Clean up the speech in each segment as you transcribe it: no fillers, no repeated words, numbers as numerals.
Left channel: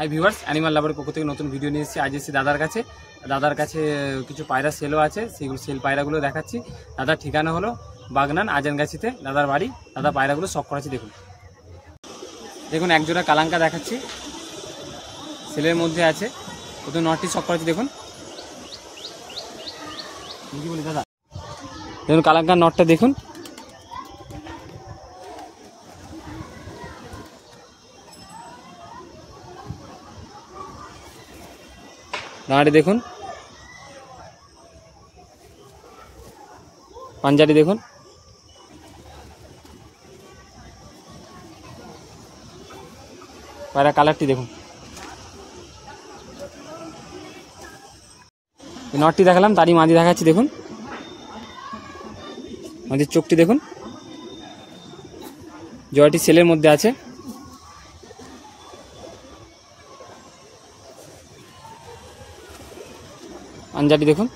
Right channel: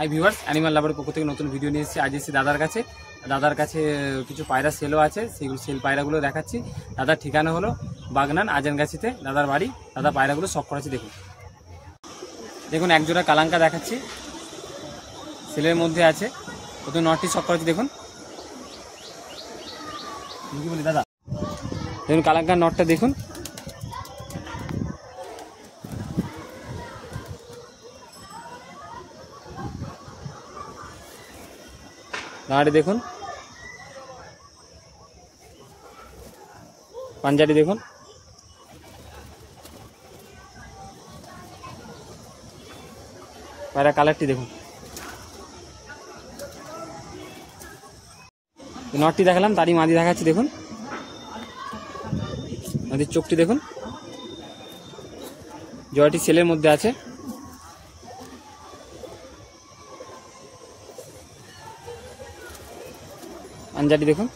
Hi viewers, animal লাভারের পক্ষ থেকে নতুন ভিডিও নিয়ে এসেছি। আজ এসেছি দাদার কাছে কিছু পায়রা সেলও আছে, সেগুলো সেল পায়রাগুলো দেখাচ্ছি। দাদার ঠিকানা হলো বাগনান আজানগাছিতে দাদার বাড়ি। দাদা পায়রাগুলো শখ করাচ্ছি। দেখুন একজোড়া কালাঙ্কা দেখাচ্ছি, সেলের মধ্যে আছে। প্রথমে নটটি শখ করাচ্ছি। দেখুন কি বলি দাদা, দেখুন কালাঙ্কার নটটা দেখুন। দাঁড়াটি দেখুন, পাঞ্জাটি দেখুন, পায়রা কালারটি দেখুন। নটটি দেখালাম, তারই মাদি দেখাচ্ছি। দেখুন মাদির চোখটি দেখুন। জয়টি সেলের মধ্যে আছে। পাঞ্জাটি দেখুন।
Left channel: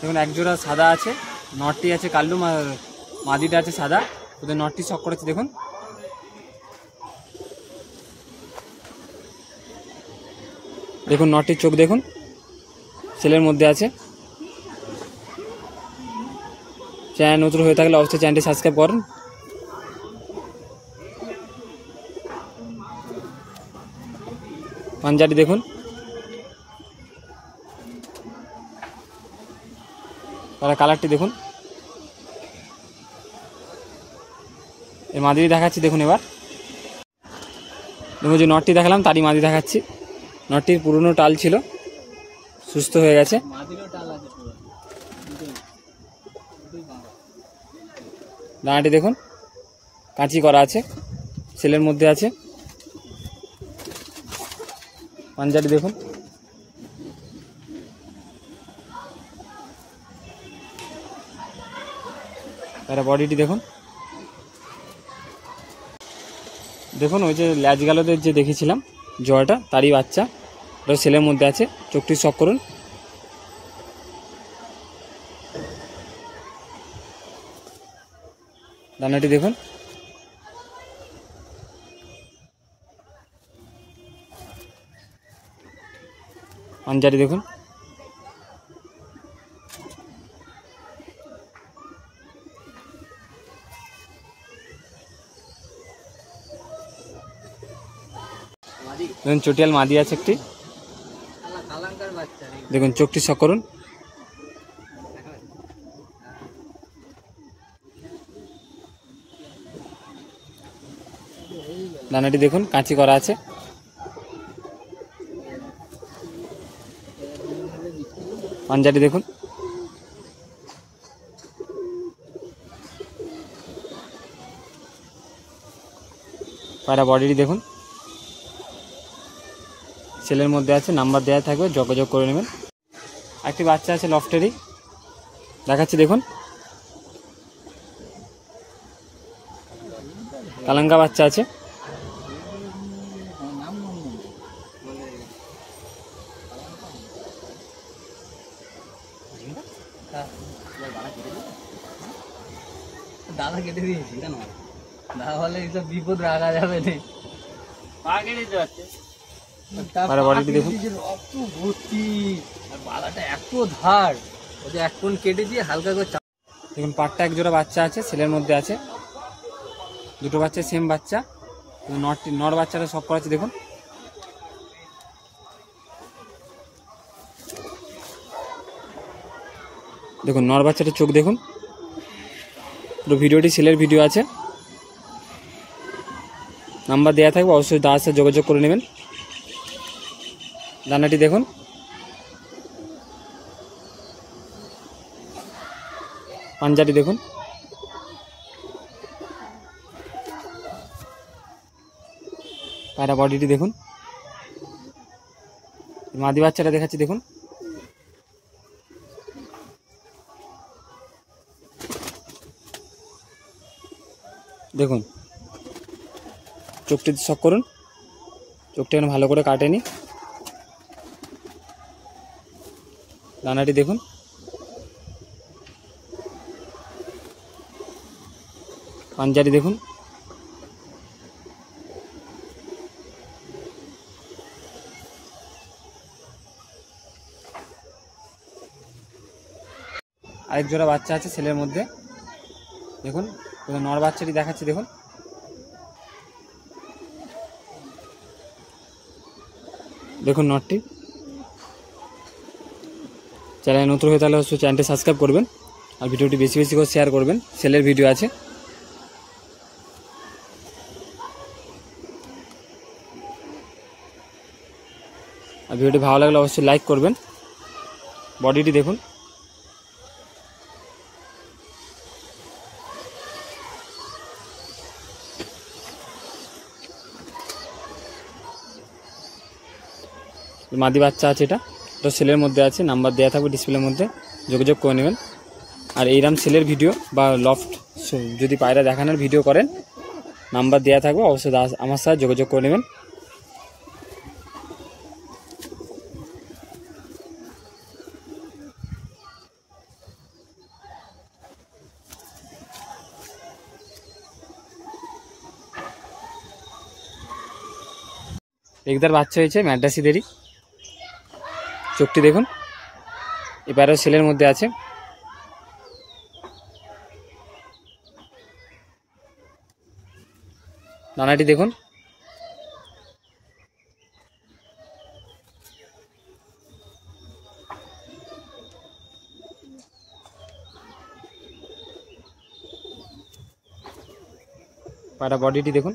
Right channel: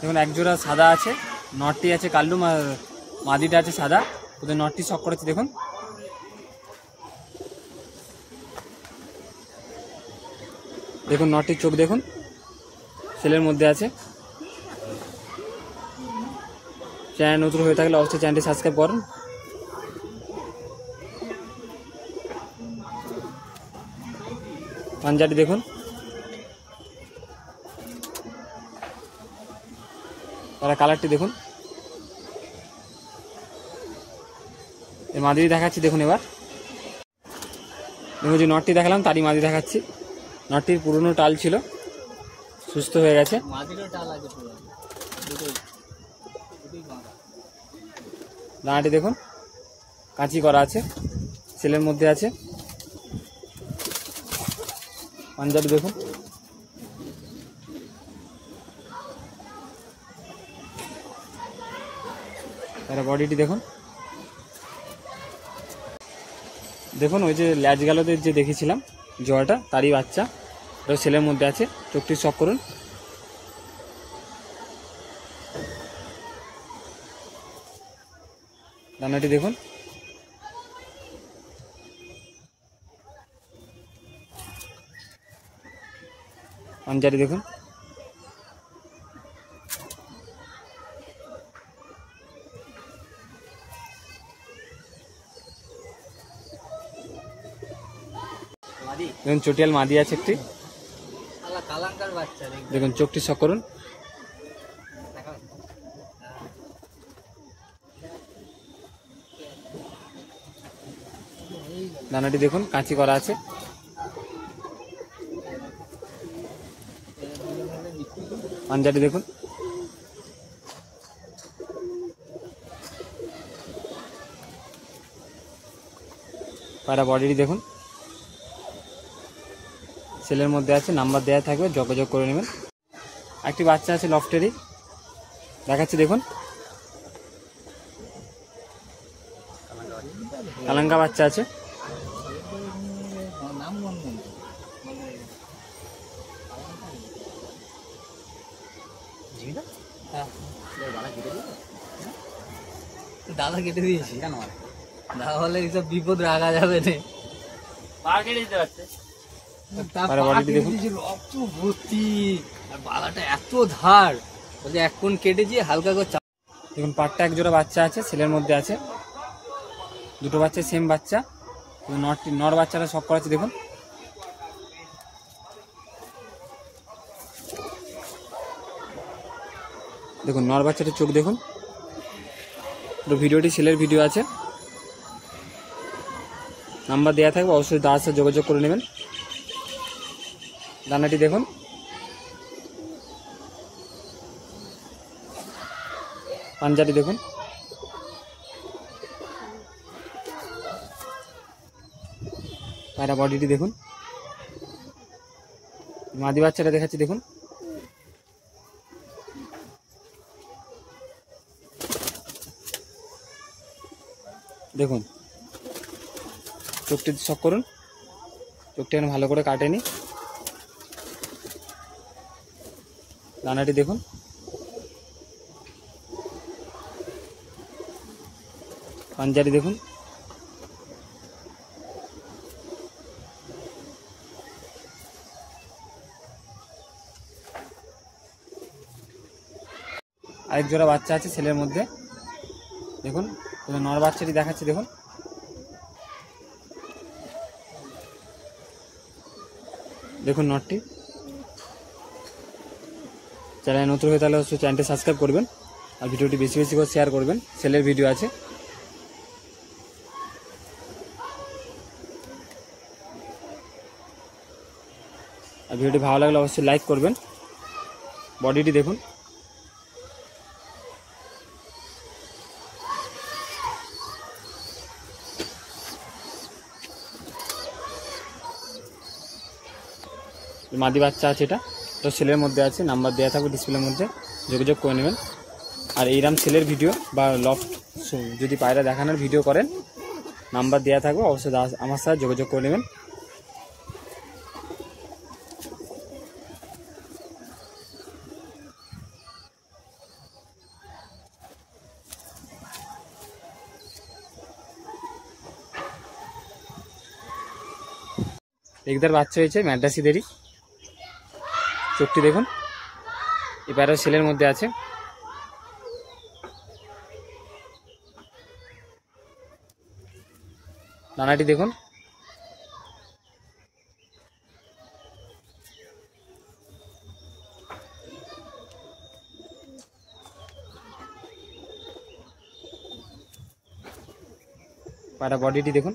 দেখুন একজোড়া সাদা আছে, নটটি আছে কাল্লু, মাদিটা আছে সাদা। ওদের নটটি শখ করেছি। দেখুন দেখুন নটটির চোখ দেখুন, সেলের মধ্যে আছে। চ্যানেল নতুন হয়ে থাকলে অবশ্যই চ্যানেলটি সাবস্ক্রাইব করুন। পাঞ্জাটি দেখুন, তার কালারটি দেখুন। এর মাদি দেখাচ্ছি। দেখুন এবার দেখুন যে নটটি দেখালাম, তারই মাদি দেখাচ্ছি। নটটির পুরনো টাল ছিল, সুস্থ হয়ে গেছে। ডানাটি দেখুন, কাঁচি করা আছে, সেলের মধ্যে আছে। পাঞ্জাটি দেখুন, তার বডিটি দেখুন। দেখুন ওই যে ল্যাজ গালোদের যে দেখেছিলাম জয়টা, তারই বাচ্চা, ওটা সেলের মধ্যে আছে। চোখটি শখ করুন। দানাটি দেখুন। পাঞ্জাটি দেখুন। দেখুন চটিয়াল মাদি আছে একটি। দেখুন চোখটি শখ করুন। দানাটি দেখুন, কাঁচি করা আছে। পাঞ্জাটি দেখুন। পায়রা বডিটি দেখুন, সেলের মধ্যে আছে। নাম্বার দেওয়া থাকবে, যোগাযোগ করে নেবেন। একটি বাচ্চা আছে লফটেরই, দেখাচ্ছি। দেখুন কালাঙ্কা বাচ্চা আছে। দাদা কেটে দিয়েছি কেন, না হলে এইসব বিপদ রাখা যাবে না। বালাটা এত ধার, এক কোণ কেটেছি হালকা করে। দেখুন পাটটা একজোড়া বাচ্চা আছে, ছেলের মধ্যে আছে। দুটো বাচ্চা সেম বাচ্চা। নর বাচ্চাটা শখ করাচ্ছে। দেখুন দেখুন নর বাচ্চাটার চোখ দেখুন। পুরো ভিডিওটি সেলের ভিডিও আছে, নাম্বার দেওয়া থাকবে, অবশ্যই দাদার সাথে যোগাযোগ করে নেবেন। দানাটি দেখুন। পাঞ্জাটি দেখুন। পায়রা বডিটি দেখুন। মাদি বাচ্চাটা দেখাচ্ছি। দেখুন দেখুন চোখটি শখ করুন। চোখটা ভালো করে কাটেনি। দানাটি দেখুন। পাঞ্জারি দেখুন, আরেক জোড়া বাচ্চা আছে ছেলের মধ্যে দেখুন, নর বাচ্চাটি দেখাচ্ছি দেখুন। দেখুন নটটি। চ্যানেল নতুন হয়ে তাহলে অবশ্যই চ্যানেলটি সাবস্ক্রাইব করবেন আর ভিডিওটি বেশি বেশি করে শেয়ার করবেন। সেলের ভিডিও আছে। আর ভিডিওটি ভালো লাগলে অবশ্যই লাইক করবেন। বডিটি দেখুন, মাদি বাচ্চা আছে, এটা সেলের মধ্যে আছে, নাম্বার দেওয়া থাকবে ডিসপ্লের মধ্যে, যোগাযোগ করে নেবেন। আর এইরকম সেলের ভিডিও বা লফট যদি পায়রা দেখানোর ভিডিও করেন, নাম্বার দেওয়া থাকবে, অবশ্যই আমার সাথে যোগাযোগ করে নেবেন। একদার বাচ্চা হয়েছে ম্যাড্রাসিদেরই, চোখটি দেখুন। এই পায়রা সেলের মধ্যে আছে। দানাটি দেখুন, পায়রা বডিটি দেখুন।